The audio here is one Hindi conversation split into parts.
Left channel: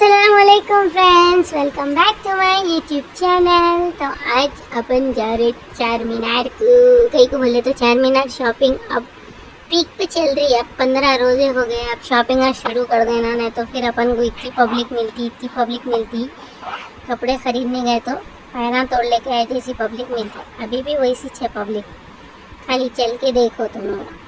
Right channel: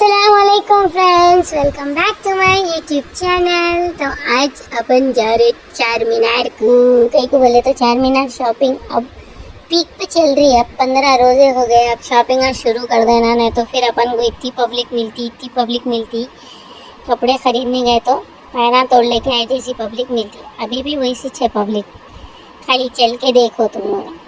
असलकुम friends, welcome back to my YouTube channel. तो आज अपन जा रहे चार मीनार को, कहीं को बोले तो चार मीनार शॉपिंग अब पीक पे चल रही है। 15 रोजे हो गए, अब शॉपिंग आज शुरू कर देना, नहीं तो फिर अपन को इतनी पब्लिक मिलती। कपड़े खरीदने गए तो पैरा तोड़ लेके आई थी, ऐसी पब्लिक मिलती। अभी भी वैसी है पब्लिक, खाली चल के देखो तुम लोग।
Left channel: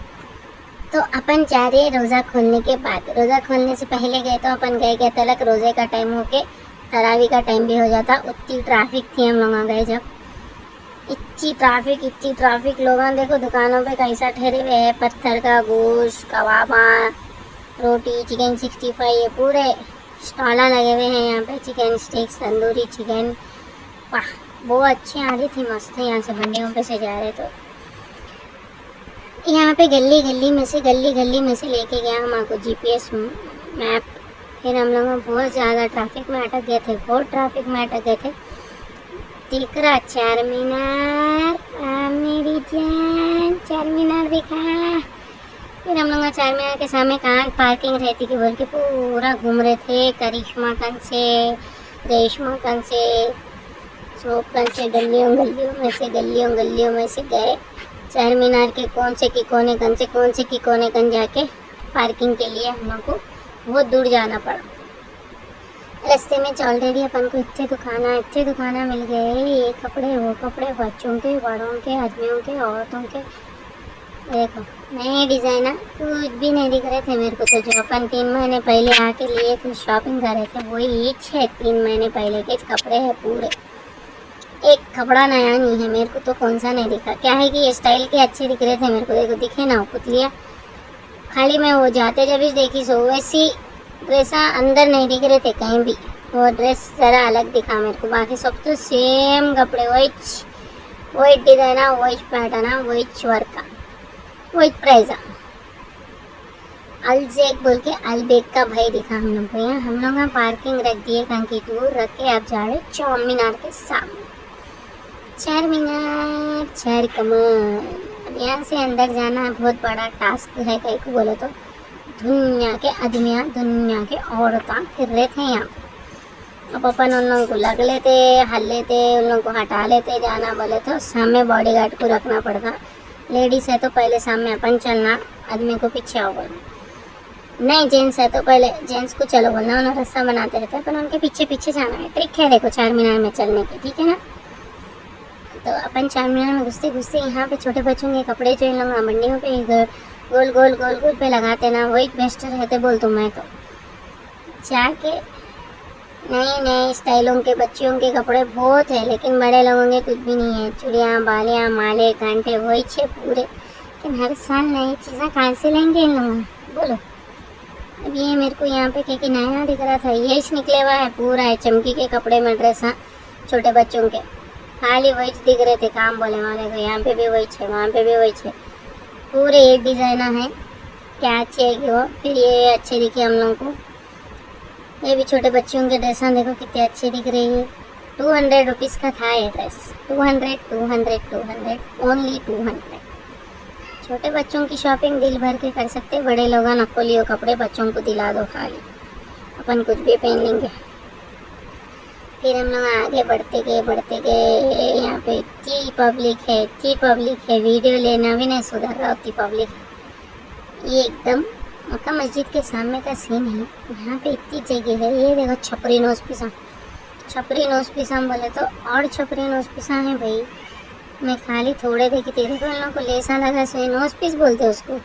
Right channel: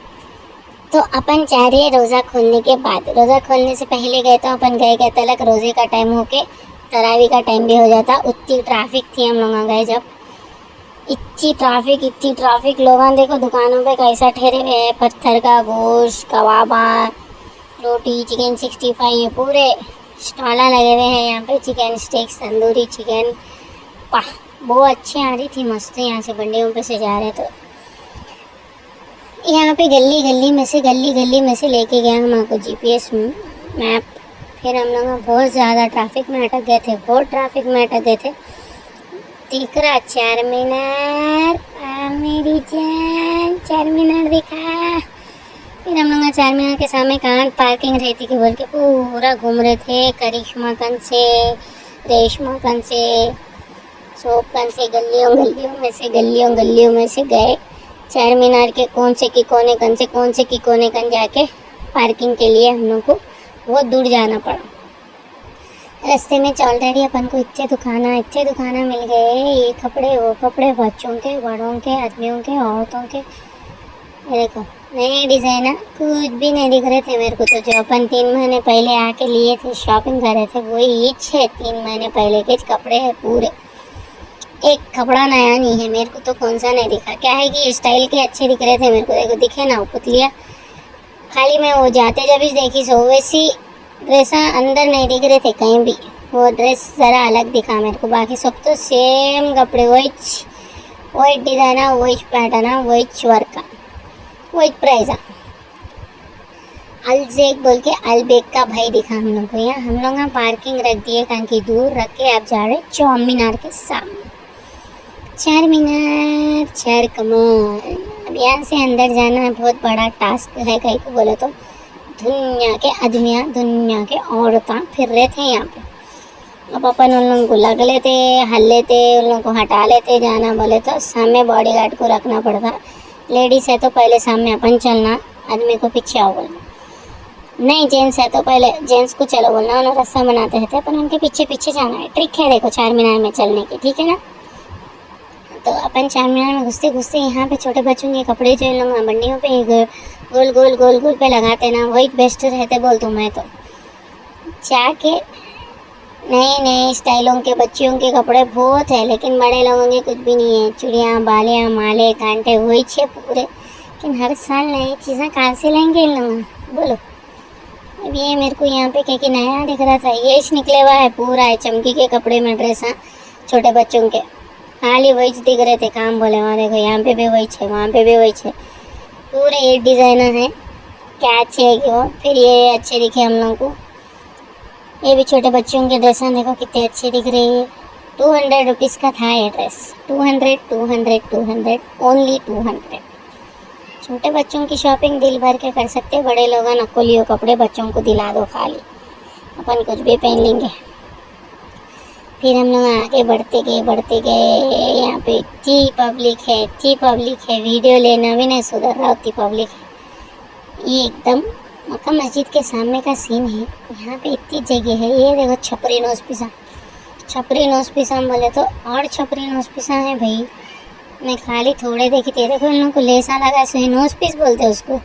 तो अपन जा रहे हैं रोज़ा खोलने के बाद। रोज़ा खोलने से पहले गए तो अपन गए तलक रोज़े का टाइम होके तरावी का टाइम भी हो जाता। उतनी ट्रैफिक थी, हम लोग गए जब इतनी ट्रैफिक लोग देखो दुकानों पे कैसा ठहरे हुए हैं। पत्थर का गोश्त, कबाबा, रोटी, चिकन 65, ये पूरे स्टॉला लगे हुए हैं यहाँ पे। चिकन स्टिक्स, तंदूरी चिकन, वाह बहुत अच्छी आ रही थी, मस्त। यहाँ से बंडियों पे से जा रहे तो यहाँ पे गली में से लेके गया हमको जीपीएस मैप। फिर हम लोग बहुत ज़्यादा ट्रैफिक में अटक गए थे, दिख रहा चार मीनार। मेरी जान, चार मीनार दिखा। फिर हम लोग चार मीनार के सामने कहाँ पार्किंग रहती कि बोल के पूरा घूम रहे थे। करिश्मा गंज से, रेशमा गंज से, शोपगंज से, गलियों में से गए चार मीनार के कोने की कोने कन जाके पार्किंग के लिए हम लोग को बहुत दूर जाना पड़ा। रास्ते में ऑलरेडी अपन को इतने दुकाना मिल गए, ये कपड़े वो कपड़े, बच्चों के, बड़ों के, आदमियों के, औरतों के। देखो नए डिज़ाइनर कुछ भी नहीं दिख रहे थे मेरे को, तो जो अपन 3 महीने पहले आके लिए थे, शॉपिंग कर रहे थे, वही ईच है। 3 महीने पहले के कपड़े हैं पूरे, एक कपड़ा नया नहीं है मेरे को। तो कौन सा नहीं दिखा, क्या है कि ये स्टाइल के अच्छे दिख रहे थे मेरे को। देखो दिखे ना पुतलिया, खाली मैं वो जाते जब भी देखी सो वैसी ड्रेस अंदर नहीं दिख रहे थे कहीं भी। वो ड्रेस ज़रा अलग दिखा मेरे को, बाकी सब तो सेम कपड़े, वही डिज़ाइना, वही पैटर्ना, वही वर्क, वही प्राइज़ा। अलजेक बोल के अलबेक का भाई दिखा हम लोग को। यहाँ हम लोग का पार्किंग रख दिए कहाँ की दूर रख के, आप जा रहे चार मीनार के सामने। चार मीनार, चार कमर। अब यहाँ से अंदर जाना बहुत बड़ा टास्क है, कहीं को बोले तो। दुनिया के आदमियाँ, दुनिया के औरतें फिर रहे थे यहाँ पे। अब अपन उन लोगों को लग लेते, हल लेते, उन लोगों को हटा लेते। जाना बोले तो सामने बॉडीगार्ड को रखना पड़ता। लेडीज़ है तो पहले सामने अपन चलना, आदमी को पीछे आओ बोलना। नहीं जेंट्स है तो पहले जेंट्स को चलो बोलना। उन्होंने रास्ता बनाते रहते, अपन उनके पीछे जाना है। ट्रिक है देखो चार मीनार में चलने की, ठीक है ना। तो अपन चार मीनार में घुसते यहाँ पे छोटे बच्चों के कपड़े जो इन लोग मंडियों पे गोल पे लगाते ना, वही बेस्ट रहते बोल दूँ मैं तो। जाके नए स्टाइलों के बच्चियों के कपड़े बहुत है, लेकिन बड़े लोगों के कुछ भी नहीं है। चूड़ियाँ, बालियाँ, माले, कांटे वही छे पूरे। लेकिन हर साल नई चीज़ें कहाँ से लेंगे इन लोग बोलो। अब ये मेरे को यहाँ पे क्या नया दिख रहा था, ये निकले हुआ है पूरा है चमकी के कपड़े में ड्रेस। हाँ छोटे बच्चों के खाली वही दिख रहे थे काम बोले। वहाँ देखो यहाँ पे भी वही है, वहाँ पे भी वही है, पूरे ये डिज़ाइनर है। क्या अच्छे है कि वो, फिर ये अच्छे दिखे हम लोग को। ये भी छोटे बच्चों के ड्रेस देखो कितने अच्छे दिख रहे हैं। 200 रुपीज़ का था ये ड्रेस। 200 ओनली 200। छोटे बच्चों की शॉपिंग दिल भर के कर सकते, बड़े लोग नकोलियों कपड़े बच्चों को दिला दो खाली, अपन कुछ भी पहन लेंगे। फिर हम लोग आगे बढ़ते गए। यहाँ पे इतनी पब्लिक है, वीडियो लेना भी नहीं सुधर रहा, उतनी पब्लिक है। ये एकदम मक्का मस्जिद के सामने का सीन है। यहाँ पे इतनी जगह है। ये देखो छपरी नोज पिसा बोले तो, और छपरी नोज पिसा है भाई। मैं खाली थोड़े देखी थी, देखो इन लोगों को लेसा लगा, सो नोज पीस बोलते हैं उसको।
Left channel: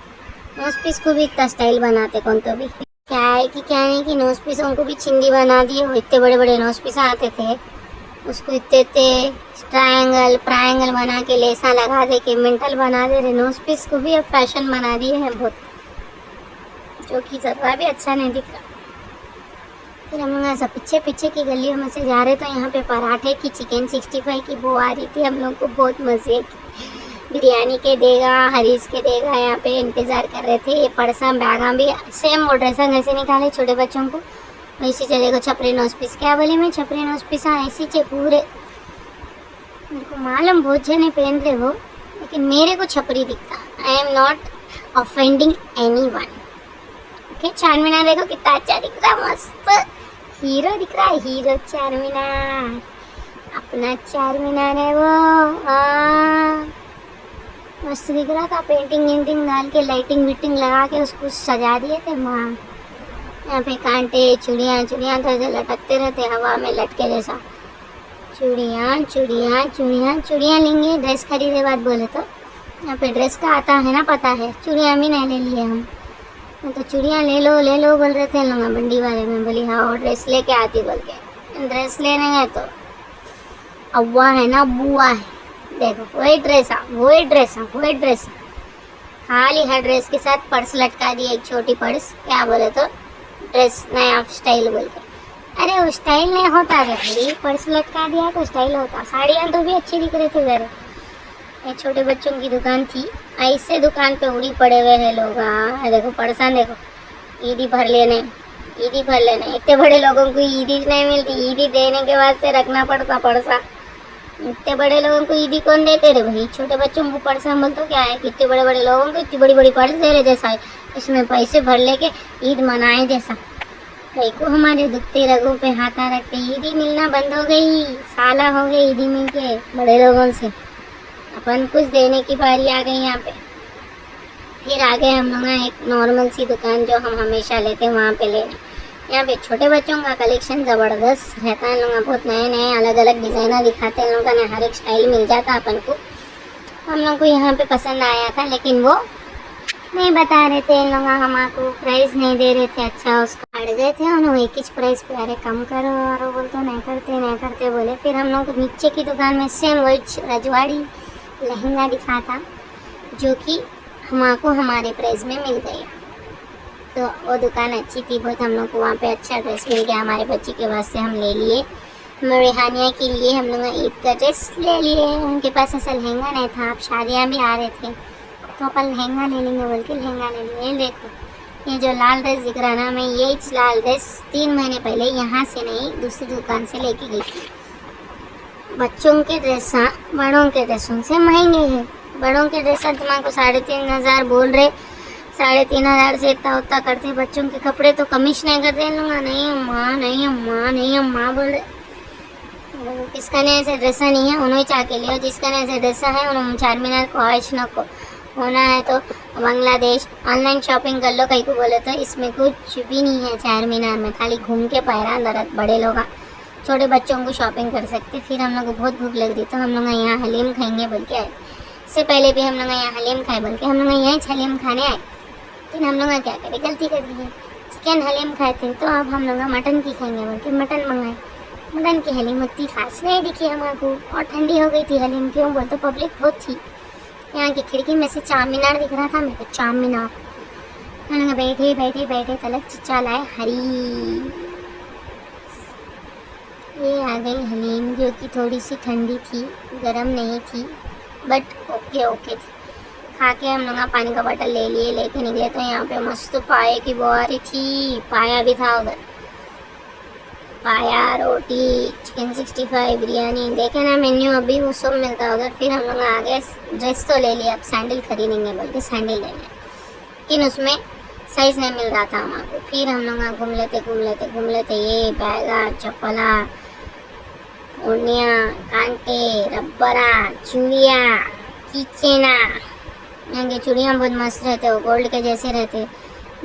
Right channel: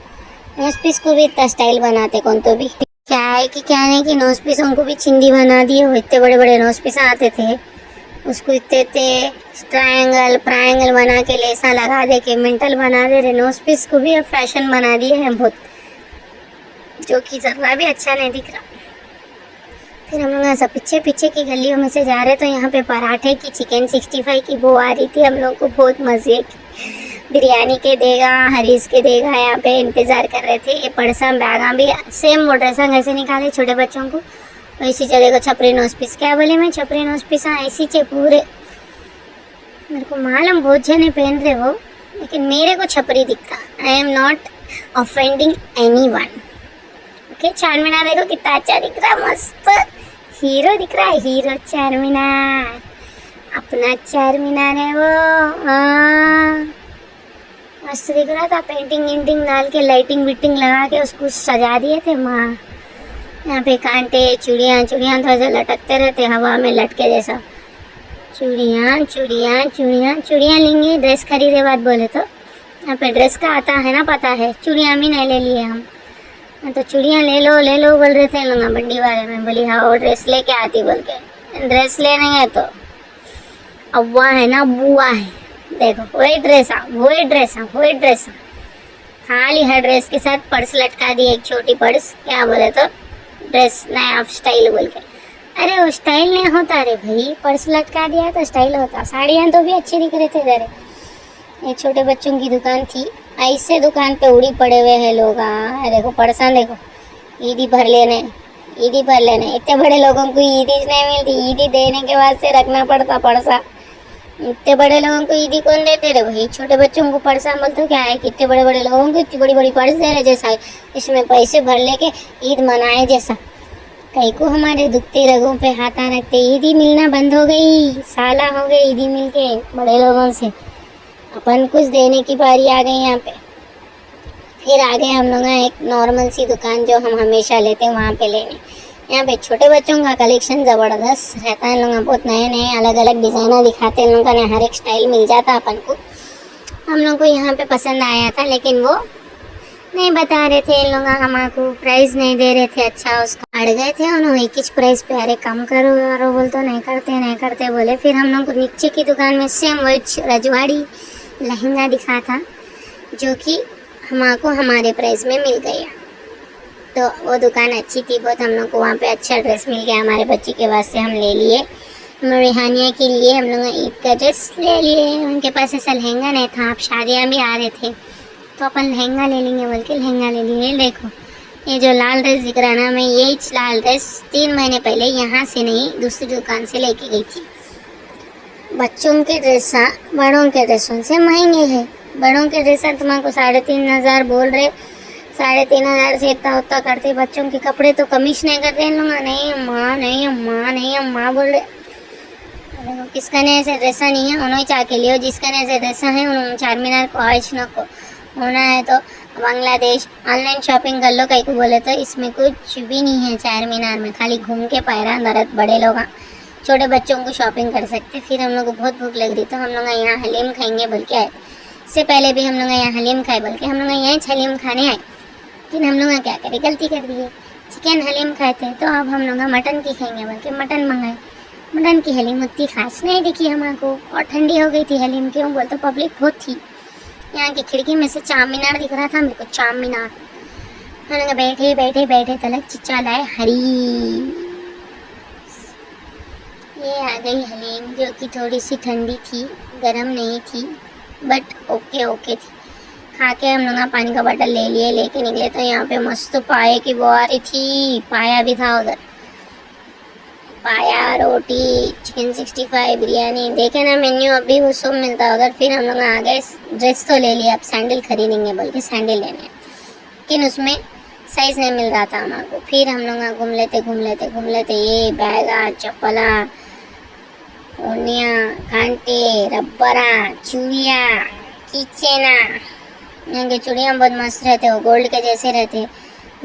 नोज पीस को भी इतना स्टाइल बनाते कौन तो भी, क्या नहीं कि नोज पीसों को भी चिंदी बना दिए। वो इतने बड़े नोज पीस आते थे, उसको इतने ट्रायंगल बना के लेसा लगा दे के मेंटल बना दे रहे। नोज पीस को भी अब फैशन बना दिए हैं बहुत, जो कि ज़रा भी अच्छा नहीं दिख रहा। फिर हम लोग ऐसा पीछे की गलियों में से जा रहे तो यहाँ पे पराठे की, चिकन 65 की वो आ रही थी। हम लोग को बहुत मज़े की, बिरयानी के देगा, हरीस के देगा, यहाँ पे इंतज़ार कर रहे थे। ये पर्सा बैगा भी सेम वो ड्रेसा घर से निकाले छोटे बच्चों को वैसी चलेगा। छपरी नोज पीस क्या बोले मैं, छपरी नोज पीस ऐसी चे पूरे। मेरे को मालूम बहुत जने पहन रहे हो, लेकिन मेरे को छपरी दिखता। I am not offending any one. Okay चार मीनार देखो कितना अच्छा दिख रहा, मस्त हीरो दिख रहा है, हीरो चार मीनार, अपना चार मीनार है वो। हाँ, मस्त दिख रहा था। पेंटिंग वेंटिंग डाल के लाइटिंग विटिंग लगा के उसको सजा दिए थे माँ। यहाँ पे कांटे चूड़ियाँ चूड़ियाँ थोड़ा सा लटकते रहते हवा में लटके जैसा। चूड़ियाँ चूड़ियाँ चूड़ियाँ चूड़ियाँ लेंगे, ड्रेस खरीदे बात बोले तो यहाँ पे ड्रेस का आता है ना, पता है। चूड़ियाँ भी नहीं ले लिए हम तो चूड़ियाँ ले लो बोल रहे थे लोग बंडी वाले में। बोली हाँ वो ड्रेस लेके आती बोल के। ड्रेस लेने गए तो अव्वा है ना बुआ है, देखो वही ड्रेस वही ड्रेस खाली है। ड्रेस के साथ पर्स लटका दी, एक छोटी पर्स, क्या बोले तो ड्रेस नया स्टाइल बोल के। अरे वो स्टाइल नहीं होता रे भाई, पर्स लटका दिया तो स्टाइल होता। साड़ियाँ तो भी अच्छी दिख रही थी जरे। ये छोटे बच्चों की दुकान थी, ऐसे दुकान पे उड़ी पड़े हुए हैं लोग। हाँ देखो पर्सा देखो, ईदी भर लेने इतने बड़े लोगों को ईदी नहीं मिलती, ईदी देने के बाद से रखना पड़ता पर्सा। इतने बड़े लोगों को ईदी कौन देते रे भाई, छोटे बच्चों को पर्सा बोलते क्या है। कितने बड़े बड़े लोगों को इतनी बड़ी बड़ी पर्स दे रहे जैसा है इसमें पैसे भर लेके ईद मनाए जैसा। कई को हमारे दुखती रगों पे हाथा रखते। ईदी मिलना बंद हो गई, साला हो गई ईदी मिल के बड़े लोगों से। अपन कुछ देने की बारी आ गई यहाँ पे। फिर आगे हम लोग एक नॉर्मल सी दुकान जो हम हमेशा लेते हैं वहाँ पे लेने। यहाँ पे छोटे बच्चों का कलेक्शन ज़बरदस्त रहता है। लोग बहुत नए नए अलग अलग डिज़ाइनर दिखाते हैं। लोगों ने हर एक स्टाइल मिल जाता अपन को। हम लोग को यहाँ पे पसंद आया था, लेकिन वो नहीं बता रहे थे इन लोग, हमको प्राइस नहीं दे रहे थे। अच्छा उसका अड़ गए थे उन्होंने एक ही प्राइस पे। अरे कम करो और वो बोलते नहीं करते बोले। फिर हम लोग को नीचे की दुकान में सेम वही रजवाड़ी लहंगा दिखा था जो कि हमको हमारे प्राइस में मिल गया। तो वो दुकान अच्छी थी बहुत। हम लोग को वहाँ पे अच्छा ड्रेस मिल गया हमारे बच्ची के वास्ते। हम ले लिए रिहानिया के लिए, हम लोग ईद का ड्रेस ले लिए। उनके पास ऐसा लहंगा नहीं था, अब शादियाँ भी आ रहे थे तो अपन लहंगा ले लेंगे बोल के लहंगा ले लिए। देखो ये जो लाल ड्रेस दिख रहा है ना, मैं यही लाल ड्रेस 3 महीने पहले यहाँ से नहीं दूसरी दुकान से लेके गई थी। बच्चों के ड्रेस बड़ों के ड्रेसों से महंगे है। बड़ों के ड्रेस तुम्हारे 3,500 बोल रहे, 3,500 से इतना उतना करते। बच्चों के कपड़े तो कमीश नहीं कर रहे लोग। नहीं अम्मा बोल रहे। देखो किसका ने ऐसे ड्रेसा नहीं है उन्होंने चाह के लियो, जिसका ने ऐसे ड्रेसा है उन्होंने चार मीनार को आज न को होना है तो बांग्लादेश ऑनलाइन शॉपिंग कर लो। कहीं को बोले तो इसमें कुछ भी नहीं है चार मीनार में, खाली घूम के पैरा नरत। बड़े लोग छोटे बच्चों को शॉपिंग कर सकते। फिर हम लोग को बहुत भूख लग रही तो हम लोग यहाँ हलीम खाएंगे बोल के आए। इससे पहले भी हम लोग यहाँ हलीम खाए बोल के हम लोग यहाँ हलीम खाने आए, लेकिन हम लोग क्या करें गलती कर दी है। चिकन हलीम खाए थे तो अब हम लोग मटन की खाएंगे बोल के मटन मंगाए। मटन की हलीम उतनी खास नहीं दिखी हमको और ठंडी हो गई थी हलीम। क्यों बोल तो पब्लिक बहुत थी। यहाँ की खिड़की में से चार मीनार दिख रहा था मेरे को, चार मीनार। हम लोग बैठे तलक चिच्चा लाए हरी। ये आ गई हलीम जो कि थोड़ी सी ठंडी थी, गरम नहीं थी, बट ओके थी। खा के हम लोग पानी का बॉटल ले लिए, लेके निकले तो यहाँ पे मस्त पाए की बुआरी थी। पाया भी था उधर, पाया, रोटी, चिकन 65, बिरयानी। देखे ना मेन्यू अभी वो सब मिलता है उधर। फिर हम लोग आ गए, ड्रेस तो ले लिया, अब सैंडल खरीदेंगे बोल के सैंडल लेने, लेकिन उसमें साइज़ नहीं मिल रहा था हमारे। फिर हम लोग घूम लेते ये बैगा, चप्पला, ओनिया, कांटे, रबरा, चूड़िया, कीचेना। यहाँ के चूड़ियाँ बहुत मस्त रहते, वो गोल्ड के जैसे रहते,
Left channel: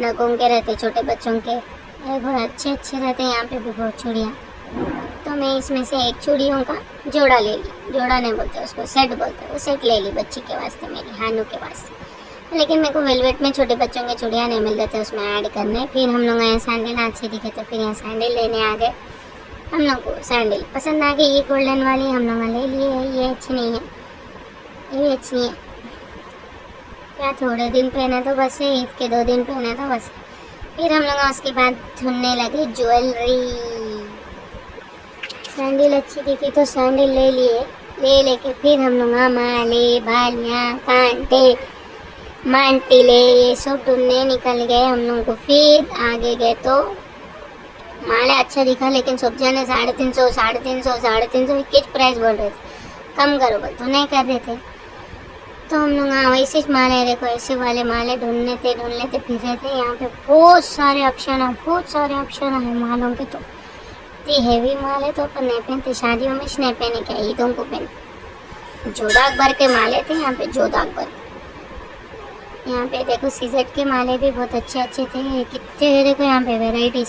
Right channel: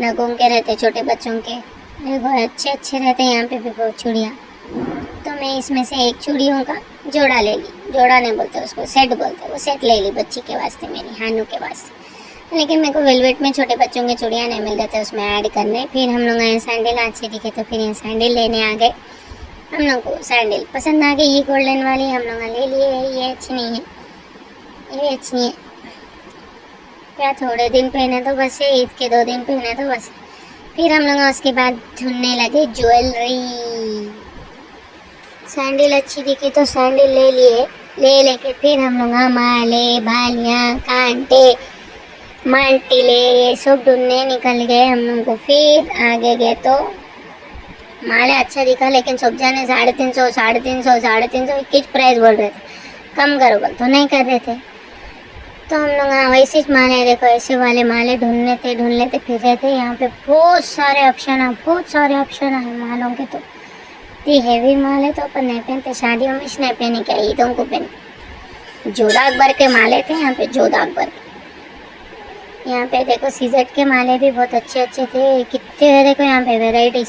नगों के रहते छोटे बच्चों के। देखो अच्छे रहते हैं यहाँ पे भी बहुत चूड़ियाँ। तो मैं इसमें से एक चूड़ियों का जोड़ा ले ली। जोड़ा नहीं बोलते उसको, सेट बोलते। वो सेट ले ली बच्ची के वास्ते, मेरी हानू के वास्ते। लेकिन मेरे को वेलवेट में छोटे बच्चों के चूड़ियाँ नहीं मिल रहे थे उसमें ऐड करने। फिर हम लोग यहाँ सैंडल अच्छे दिखे तो फिर यहाँ सैंडल लेने आ गए। हम लोग को सैंडल पसंद आ गई, ये गोल्डन वाली हम लोग ले लिए है। ये अच्छी नहीं है, ये भी अच्छी है। क्या थोड़े दिन पहने तो बस, ये ईद के 2 दिन पहने तो बस। फिर हम लोग उसके बाद ढूंढने लगे ज्वेलरी। सैंडल अच्छी दिखी तो सैंडल ले लिए, लेके फिर हम लोग माले, बालियाँ, कांटे, मांटिले ये सब ढूंढने निकल गए हम लोग को। फिर आगे गए तो माले अच्छा दिखा, लेकिन सब जने 350 एक ही प्राइस बोल रहे थे। कम करो बोल तो नहीं कर रहे थे। तो हम लोग वैसे ही माले, देखो ऐसे वाले माले ढूंढ लेते फिर रहे थे। यहाँ पे बहुत सारे ऑप्शन है मालों के। तो इतनी हैवी माल है तो अपन नहीं पहनते, शादियों में नहीं पहने, क्या ईदों को पहनते। जोधा अकबर के माले थे यहाँ पे, जोधा अकबर। यहाँ पे देखो सीजेड के माले भी बहुत अच्छे अच्छे थे, कितने देखो यहाँ पे वेराइटीज।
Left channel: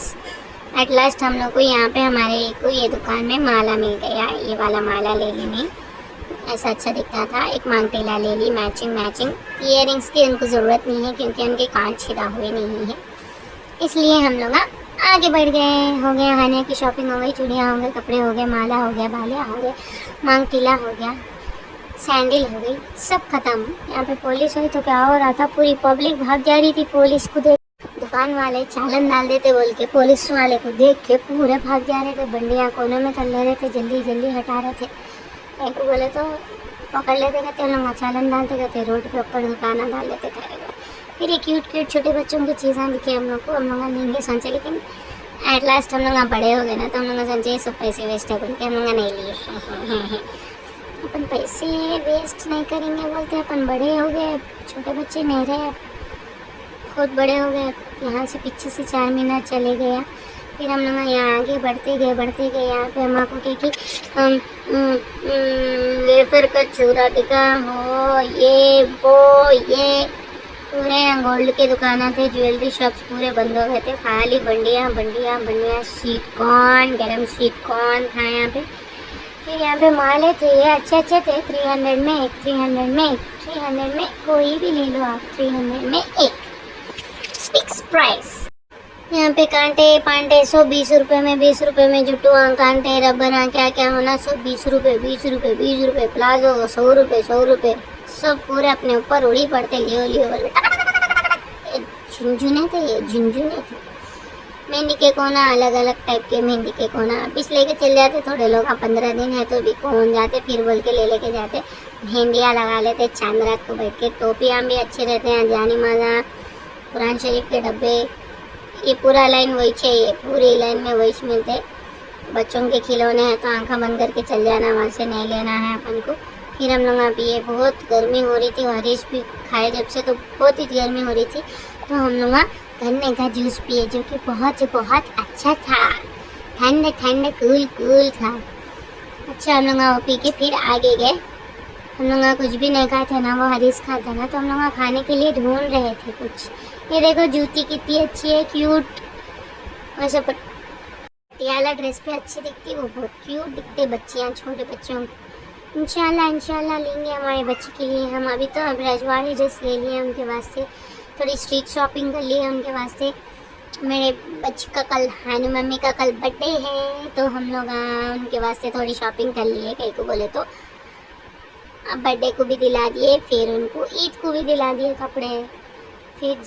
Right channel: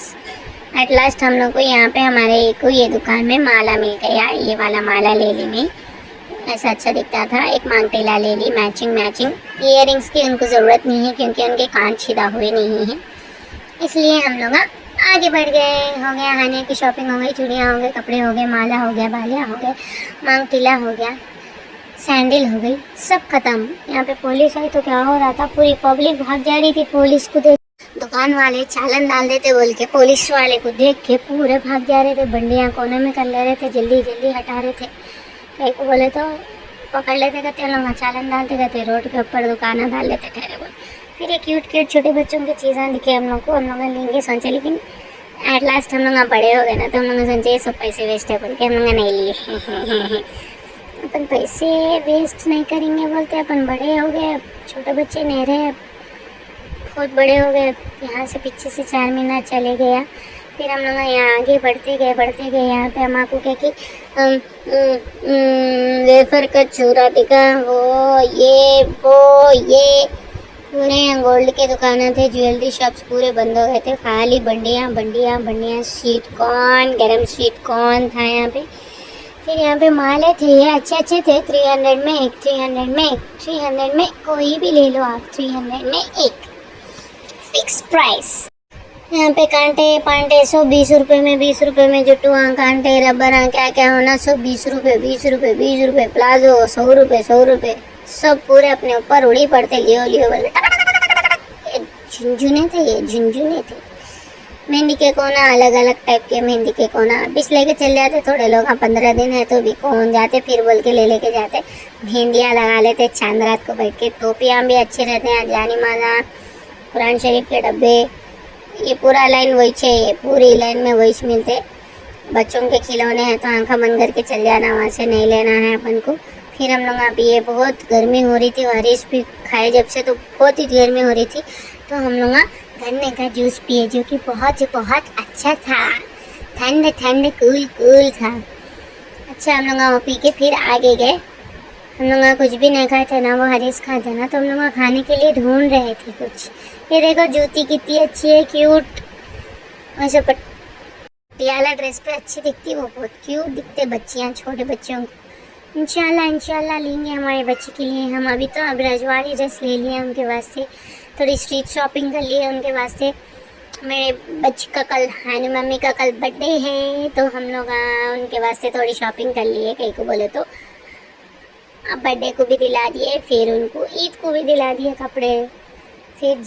एट लास्ट हम लोग को यहाँ पे हमारे को ये दुकान में माला मिल गया, ये वाला माला ले ली मैं, ऐसा अच्छा दिखता था। एक मांग टीला ले ली, मैचिंग मैचिंग। इयररिंग्स की उनको ज़रूरत नहीं है क्योंकि उनके कान छिदा हुए नहीं हैं, इसलिए हम लोग आगे बढ़ गए। हो गया खाने की शॉपिंग, हो गई चूड़ियाँ हो गए, कपड़े हो गए, माला हो गया, बालियाँ हो गए, मांग टीला हो गया, सैंडल हो गई, सब खत्म। यहाँ पे पुलिस आई तो क्या हो रहा था, पूरी पब्लिक भाग जा रही थी पुलिस को देख। दुकान वाले चालान डाल देते बोल के पुलिस वाले को देख के पूरे भाग जा रहे थे, बंडियाँ कोने में कर ले रहे थे, जल्दी जल्दी हटा रहे थे। कहीं को बोले तो पकड़ लेते, कहते लोग चालान डालते रहते, रोड के ऊपर दुकान डाल लेते ठहरे हुए। फिर ये क्यूट क्यूट छोटे बच्चों की चीज़ें दिखे हम लोग को, हम लोग लेंगे सोचे, लेकिन एट लास्ट हम लोग बड़े हो गए ना, तो हम लोग सोचे सब पैसे वेस्ट है बोल के हम लोग नहीं लिए। अपन पैसे वेस्ट नहीं करेंगे बोलते, अपन बड़े हो गए, छोटे बच्चे नहीं रहे, बहुत बड़े हो गए। यहाँ से पीछे से 4 महीना चले गया, फिर हम लोग यहाँ आगे बढ़ते गए। यहाँ पे हम आपको क्या कि वेफर का चूरा दिखा, वो ये पूरे यहाँ गोल्ड के दुकानें थे, ज्वेलरी शॉप्स पूरे बंद हो गए थे, खाली बंडियाँ स्वीट कॉर्न, गरम स्वीट कॉर्न था यहाँ पे। फिर यहाँ पे माले थे, ये अच्छे थे, 300 में कोई भी ले लो आप, 300 में एक फिक्स प्राइस। यहाँ पे कांटे पांटे सब 20 रुपये में, जुट्टू कांटे रबर क्या क्या होना सब 20 रुपये, प्लाजो 100 रुपये, सब पूरे अपने ऊपर उड़ी पड़ते, लियो बोले। झुंझुने थे। मेहंदी के कोना अलग अलग टाइप के, मेहंदी के कोना बीच लेके चल जाते थोड़े लोग, 15 दिन है तो भी कौन जाते, फिर बोल के लेके जाते, मेहंदियाँ लगा लेते चांद रात को बैठ के। टोपियाँ भी अच्छे रहते हैं, जानी माजा, कुरान शरीफ के डब्बे, ये पूरा लाइन वही चाहिए, पूरी लाइन में वही मिलते। बच्चों के खिलौने हैं तो आंखा बंद करके चल जाना, वहाँ से नहीं लेना है अपन को। फिर हम लोग आप ये बहुत गर्मी हो रही थी, हरीश भी खाए जब से तो बहुत ही गर्मी हो रही थी, तो हम लोग गन्ने का जूस पिए जो कि बहुत अच्छा था, ठंड कूल था। अच्छा हम लोग वो पी के फिर आगे गए। हम लोग कुछ भी नहीं खाए थे ना, वो हरीश खाए थे ना, तो हम लोग खाने के लिए ढूंढ रहे थे कुछ। ये देखो जूती कितनी अच्छी है, क्यूट, वैसे पटियाला ड्रेस पे अच्छी दिखती, वो बहुत क्यूट दिखते बच्चियाँ, छोटे बच्चों को। इंशाल्लाह लेंगे हमारे बच्चे के लिए। हम अभी तो अब रजवाड़ी ड्रेस ले लिए उनके वास्ते, थोड़ी स्ट्रीट शॉपिंग कर ली है उनके वास्ते। मेरे बच्चे का कल हानी मम्मी का कल बर्थडे है, तो हम लोग उनके वास्ते थोड़ी शॉपिंग कर ली है। कहीं को बोले तो अब बर्थडे को भी दिला दिए, फिर उनको ईद को भी दिला दिए कपड़े। फिर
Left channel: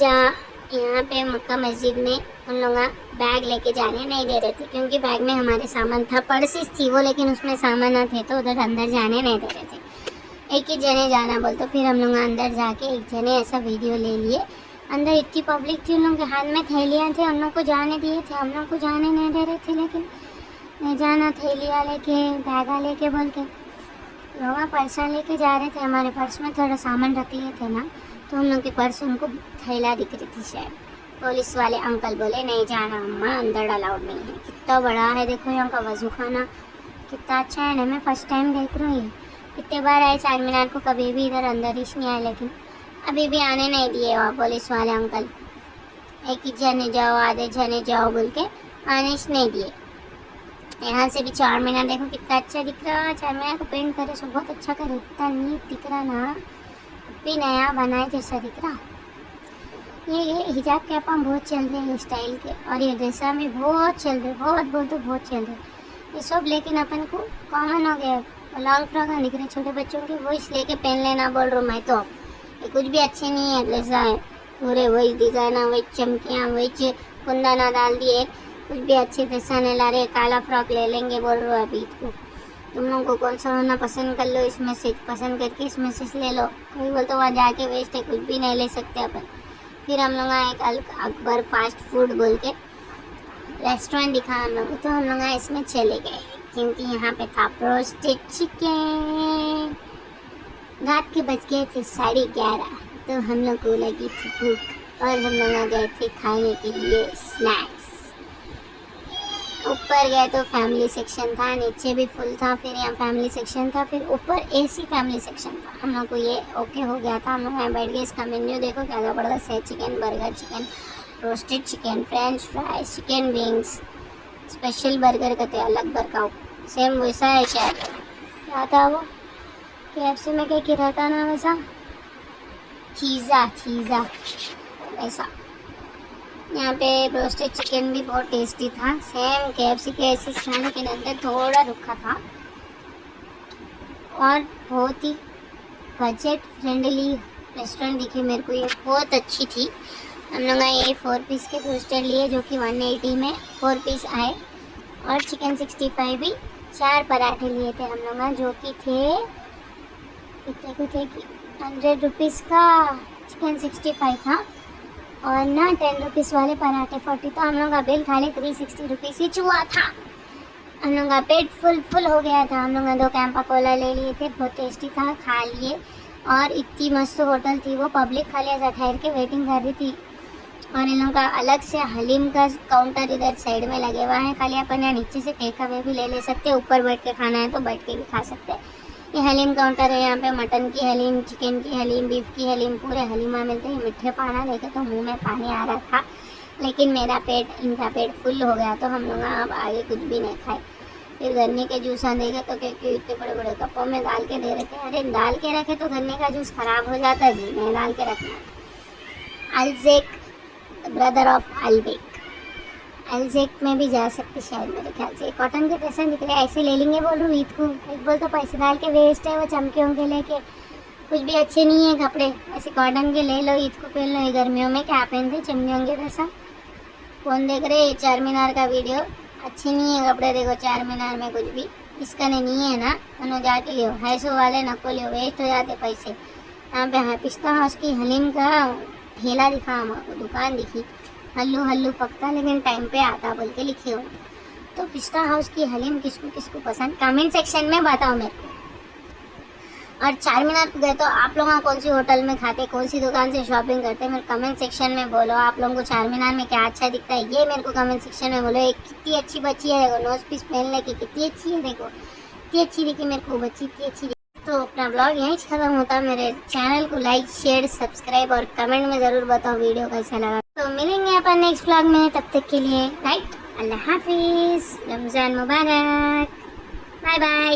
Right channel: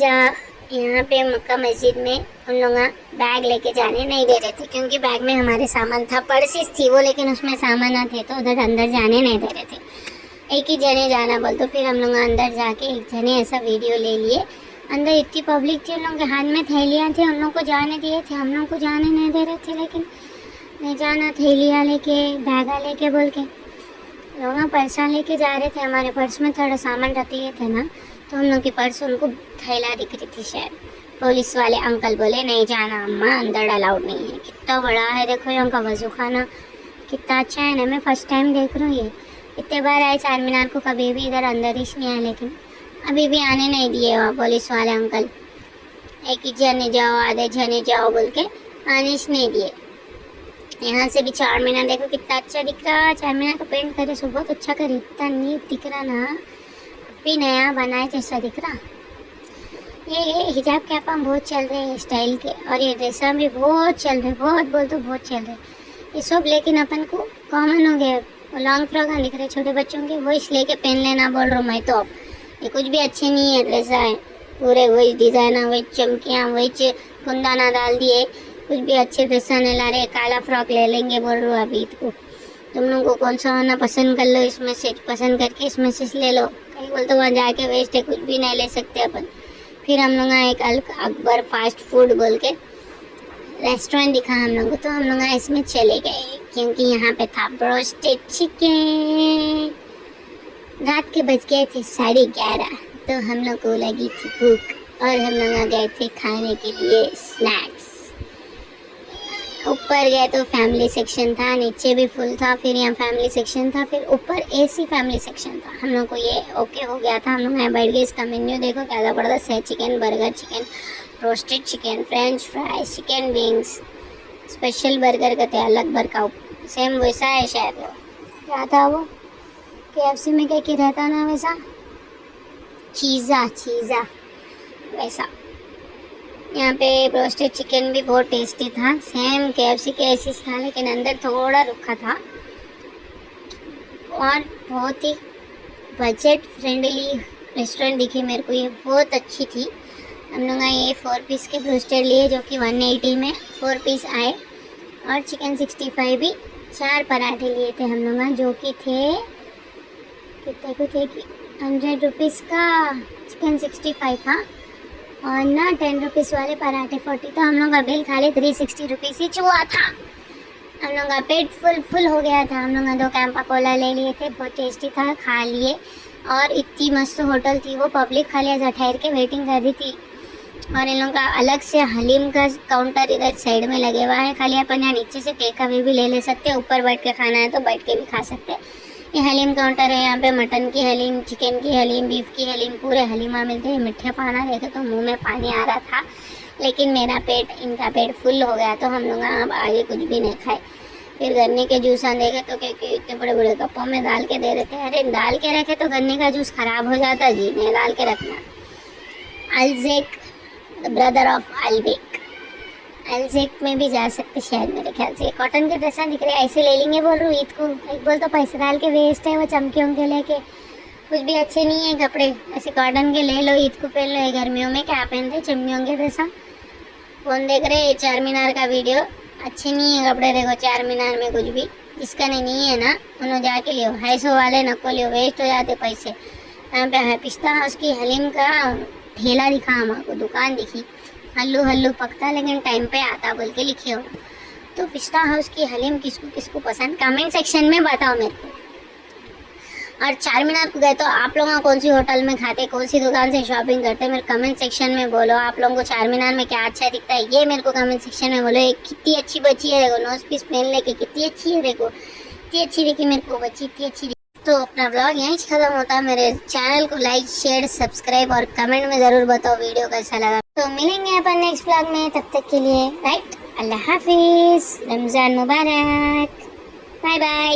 यहाँ पे मक्का मस्जिद में उन लोग बैग लेके जाने नहीं दे रहे थे, क्योंकि बैग में हमारे सामान था, पर्सेस थी वो, लेकिन उसमें सामान न थे तो उधर अंदर जाने नहीं दे रहे थे। एक ही जने जाना बोल, तो फिर हम लोग अंदर जाके एक जने ऐसा वीडियो ले लिए। अंदर इतनी पब्लिक थी, उन लोगों के हाथ में थैलियाँ थे, उन लोग को जाने दिए थे, हम लोग को जाने नहीं दे रहे थे, लेकिन नहीं जाना, थैलियाँ लेके बैगा लेके बोल के। लोग पर्सा लेके जा रहे थे, हमारे पर्स में थोड़ा सामान रख लिए थे ना, तो हम लोग के पर्स उनको थैला दिख रही थी शायद। पुलिस वाले अंकल बोले नहीं जाना अम्मा, अंदर अलाउड नहीं है। कितना बड़ा है देखो ये उनका वजू खाना, कितना अच्छा है ना। मैं फर्स्ट टाइम देख रही हूँ ये, इतने बार आए चार मीनार को, कभी भी इधर अंदर ही नहीं आए, लेकिन अभी भी आने नहीं दिए वहाँ पुलिस वाले अंकल। एक ही जने जाओ, आधे जने जाओ बोल के आने नहीं दिए। यहाँ से भी चार मीनार देखो कितना अच्छा दिख रहा, चार मीनार को पेंट करे सो बहुत अच्छा करे, इतना नीट दिख रहा ना, भी नया बनाए जैसा दिख रहा। ये हिजाब कैप बहुत चल रहे हैं स्टाइल के, और ये ड्रेसा भी बहुत चल रहे, बहुत चल रहे ये सब। लेकिन अपन को कॉमन हो गया, लॉन्ग फ्रॉक दिख रहे छोटे बच्चों के, वो इस लेके पहन लेना बोल रहा हूँ मैं। तो अब ये कुछ भी अच्छे नहीं है, ड्रेसा है पूरे वही डिज़ाइन, वही चमकियाँ, वही कुंदाना डाल दिए, कुछ भी अच्छे ड्रेसा नहीं ला रहे। काला फ्रॉक ले लेंगे बोल रहा हूँ अभी को। तुम लोगों को कौन सा होना पसंद कर लो, इसमें से पसंद करके इसमें से ले लो। कहीं बोल तो वहाँ जाके वेस्ट है, कुछ भी नहीं ले सकते अपन। फिर हम लोग एक अकबर फास्ट फूड बोल के रेस्टोरेंट दिखा हम लोग को, तो हम लोग इसमें चले गए, क्योंकि यहाँ पे था ब्रोस्टेड चिकन। रात के बज गए थे 11:30, तो हम लोग को लगी थी भूख, और हम लोग गए थे खाने के लिए स्नैक्स। ऊपर गए तो फैमिली सेक्शन था, नीचे भी फुल था, फिर यहाँ फैमिली सेक्शन था, फिर ऊपर एसी फैमिली सेक्शन था। हम लोग को ये ओके हो गया था। हम लोग यहाँ बैठ गए। इसका मेन्यू देखो क्या ज़बरदस्त है। Chicken burger, chicken roasted chicken, French fries, chicken wings, special burger कहते हैं, अलग बर्गर सेम वैसा है शायद। क्या था वो KFC में क्या रहता ना वैसा, चीज़ा चीज़ा वैसा। यहाँ पे रोस्टेड चिकन भी बहुत टेस्टी था, सेम KFC के ऐसी था, लेकिन अंदर थोड़ा रुखा था और बहुत ही बजट फ्रेंडली रेस्टोरेंट दिखी मेरे को। ये बहुत अच्छी थी। हम लोग ये 4 पीस के ब्रोस्टेड लिए जो कि 180 में 4 पीस आए, और चिकन 65 भी 4 पराठे लिए थे हम लोग, जो कि थे कितने को थे कि 100 रुपीज़ का चिकन 65 था, और ना 10 रुपीज़ वाले पराठे 40। तो हम लोग का बिल खाली 360 रुपीज़ ही हुआ था। हम लोग का पेट फुल हो गया था। हम लोग 2 कैंपा कोला ले लिए थे, बहुत टेस्टी था, खा लिए। और इतनी मस्त होटल थी वो, पब्लिक खाली ऐसा ठहर के वेटिंग कर रही थी। और इन लोगों का अलग से हलीम का काउंटर इधर साइड में लगे हुआ है, खाली अपन यहाँ नीचे से टेक अवे भी ले सकते हैं, ऊपर बैठ के खाना है तो बैठ के भी खा सकते हैं। ये हलीम काउंटर है। यहाँ पे मटन की हलीम, चिकन की हलीम, बीफ की हलीम, पूरे हलीमा मिलते हैं। मीठे पाना देखे तो मुंह में पानी आ रहा था, लेकिन मेरा पेट, इनका पेट फुल हो गया तो हम लोग अब आगे कुछ भी नहीं खाए। फिर गन्ने के जूस देखे तो क्योंकि इतने बड़े बड़े कपों में डाल के दे रहे थे। अरे डाल के रखे तो गन्ने का जूस खराब हो जाता जी, नहीं डाल के रखना। अल्जेक, ब्रदर ऑफ अल्बेक, अल्जेक में भी जा सकते शायद मेरे ख्याल से। कॉटन के ड्रेस दिख रहे हैं, ऐसे ले लेंगे बोल रही हूँ ईद को। एक बोल तो पैसे डाल के वेस्ट है, वो चमके होंगे लेके कुछ भी अच्छे नहीं है कपड़े। ऐसे कॉटन के ले लो, ईद को पहन लो। गर्मियों में क्या पहनते, चमके होंगे ड्रेसा। कौन देख रहे हैं चार मीनार का वीडियो, अच्छे नहीं है कपड़े। देखो चार मीनार में कुछ भी जिसका नहीं है ना, उन्होंने जाके लियो। 250 वाले नको लियो, वेस्ट हो जाते पैसे। यहाँ पे है पिस्ता हाउस की हलीम का ठेला दिखा, हमको दुकान दिखी। हल्लू हल्लू पकता लेकिन टाइम पे आता बोल के लिखे हो। तो पिस्ता हाउस की हलीम किसको किसको पसंद, कमेंट सेक्शन में बताओ मेरे को। और चार मीनार को गए तो आप लोग कौन सी होटल में खाते, कौन सी दुकान से शॉपिंग करते, मेरे कमेंट सेक्शन में बोलो। आप लोगों को चार मीनार में क्या अच्छा दिखता है ये मेरे को कमेंट सेक्शन में बोलो। एक कितनी अच्छी बच्ची है देखो, नोज पीस पहन लेके कितनी अच्छी है देखो, इतनी अच्छी देखी मेरे को बच्ची, इतनी अच्छी। तो अपना ब्लॉग यहीं खत्म होता है। मेरे चैनल को लाइक, शेयर, सब्सक्राइब और कमेंट में ज़रूर बताओ वीडियो कैसा लगा। तो मिलेंगे अपन नेक्स्ट ब्लॉग में, तब तक के लिए राइट, अल्लाह हाफिज़, रमज़ान मुबारक, बाय बाय।